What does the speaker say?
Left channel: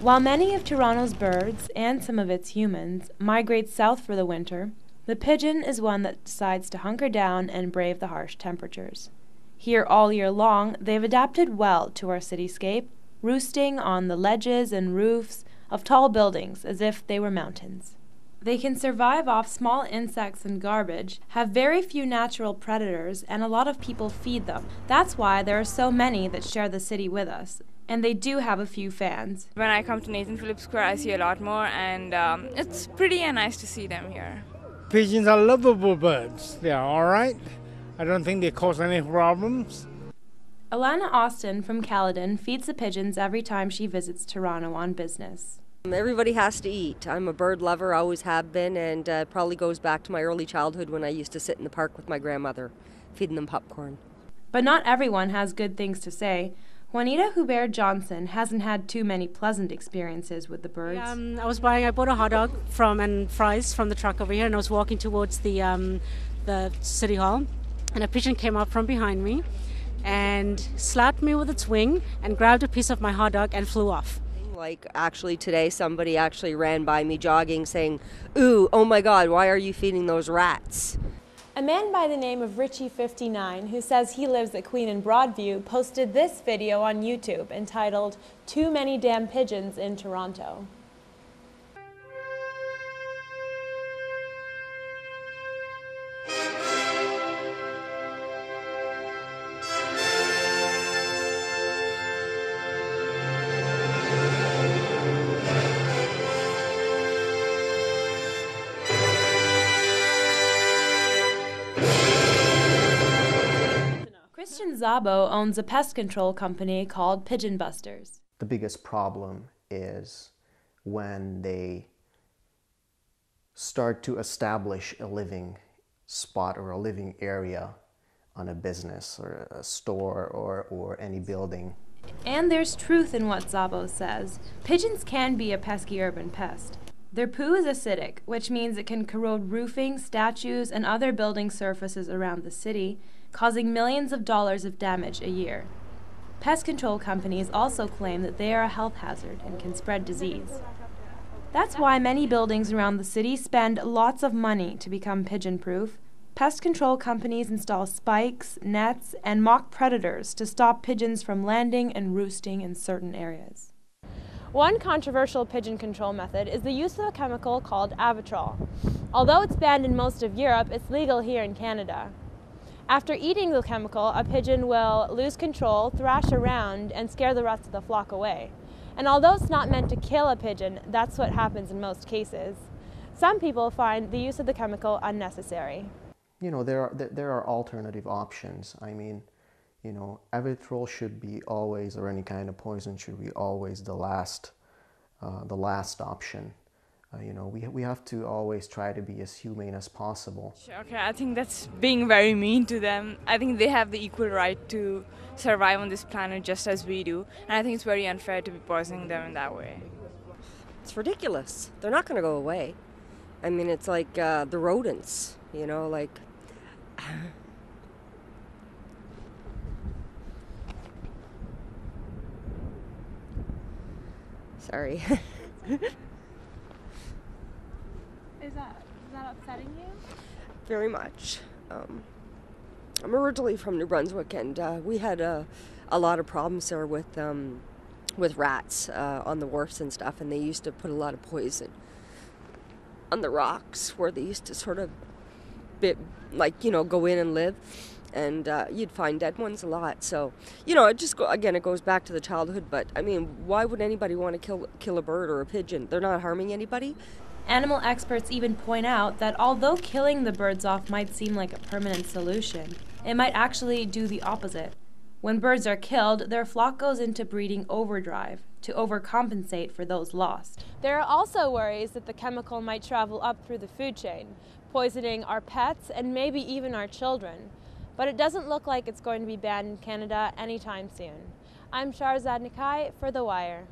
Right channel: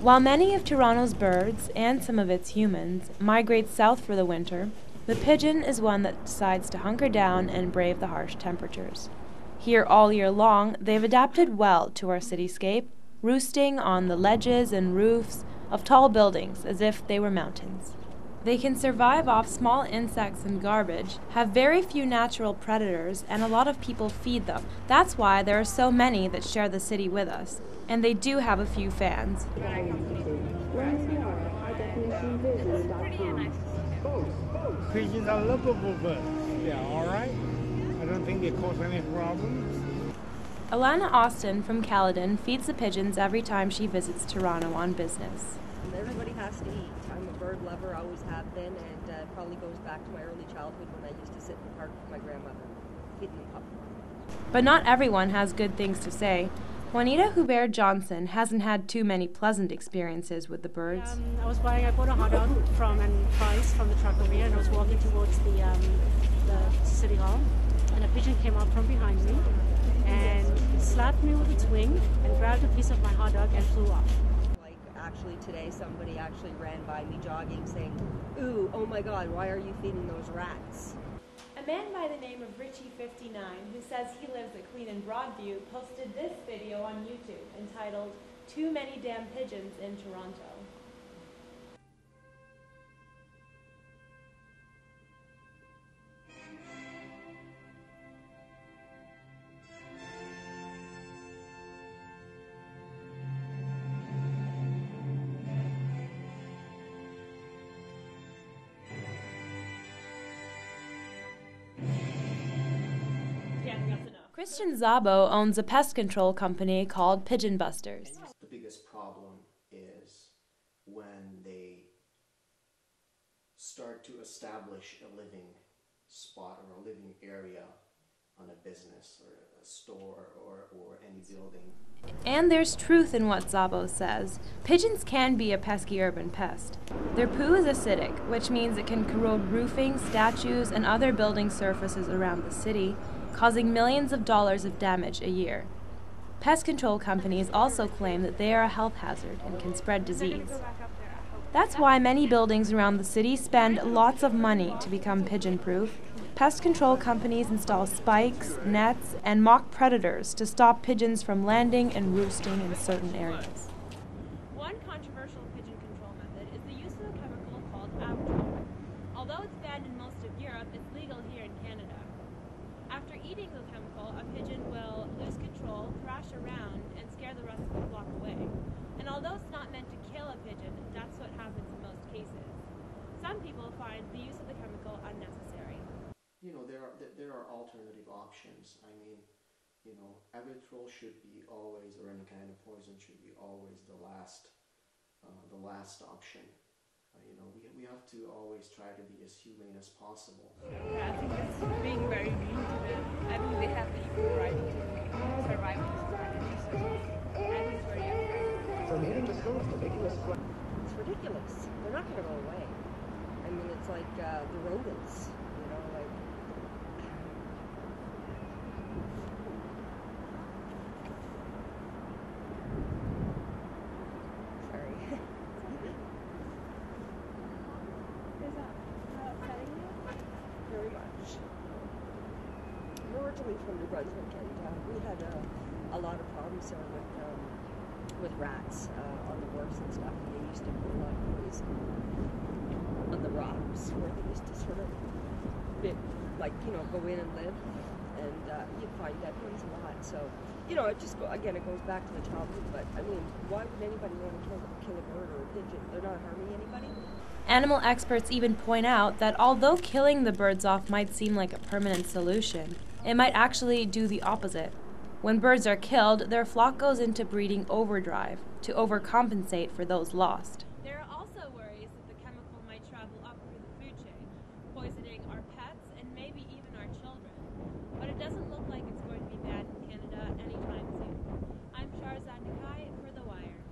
While many of Toronto's birds, and some of its humans, migrate south for the winter, the pigeon is one that decides to hunker down and brave the harsh temperatures. Here all year long, they've adapted well to our cityscape, roosting on the ledges and roofs of tall buildings as if they were mountains. They can survive off small insects and garbage, have very few natural predators, and a lot of people feed them. That's why there are so many that share the city with us. And they do have a few fans. When I come to Nathan Phillips Square, I see a lot more, and it's pretty and nice to see them here. Pigeons are lovable birds. They are all right. I don't think they cause any problems. Alana Austin from Caledon feeds the pigeons every time she visits Toronto on business. Everybody has to eat. I'm a bird lover, always have been, and it probably goes back to my early childhood when I used to sit in the park with my grandmother, feeding them popcorn. But not everyone has good things to say. Juanita Hubert-Johnson hasn't had too many pleasant experiences with the birds. I bought a hot dog and fries from the truck over here, and I was walking towards the city hall, and a pigeon came up from behind me and slapped me with its wing and grabbed a piece of my hot dog and flew off. Like actually today somebody actually ran by me jogging saying, "Ooh, oh my God, why are you feeding those rats?" A man by the name of Richie59, who says he lives at Queen and Broadview, posted this video on YouTube entitled, "Too Many Damn Pigeons in Toronto." Christian Szabo owns a pest control company called Pigeon Busters. The biggest problem is when they start to establish a living spot or a living area on a business or a store or any building. And there's truth in what Szabo says. Pigeons can be a pesky urban pest. Their poo is acidic, which means it can corrode roofing, statues, and other building surfaces around the city, causing millions of dollars of damage a year. Pest control companies also claim that they are a health hazard and can spread disease. That's why many buildings around the city spend lots of money to become pigeon-proof. Pest control companies install spikes, nets, and mock predators to stop pigeons from landing and roosting in certain areas. One controversial pigeon control method is the use of a chemical called Avitrol. Although it's banned in most of Europe, it's legal here in Canada. After eating the chemical, a pigeon will lose control, thrash around, and scare the rest of the flock away. And although it's not meant to kill a pigeon, that's what happens in most cases. Some people find the use of the chemical unnecessary. You know, there are alternative options. I mean, you know, Avitrol should be always, or any kind of poison should be always the last option. You know, we have to always try to be as humane as possible. Okay, I think that's being very mean to them. I think they have the equal right to survive on this planet just as we do. And I think it's very unfair to be poisoning them in that way. It's ridiculous. They're not going to go away. I mean, it's like the rodents, you know, like... Sorry. Is that upsetting you? Very much. I'm originally from New Brunswick, and we had a lot of problems there with rats on the wharfs and stuff, and they used to put a lot of poison on the rocks where they used to sort of go in and live, and you'd find dead ones a lot. So, you know, it goes back to the childhood. But I mean, why would anybody want to kill a bird or a pigeon? They're not harming anybody. Animal experts even point out that although killing the birds off might seem like a permanent solution, it might actually do the opposite. When birds are killed, their flock goes into breeding overdrive to overcompensate for those lost. There are also worries that the chemical might travel up through the food chain, poisoning our pets and maybe even our children. But it doesn't look like it's going to be banned in Canada anytime soon. I'm Shahrzad Nakhai for The Wire.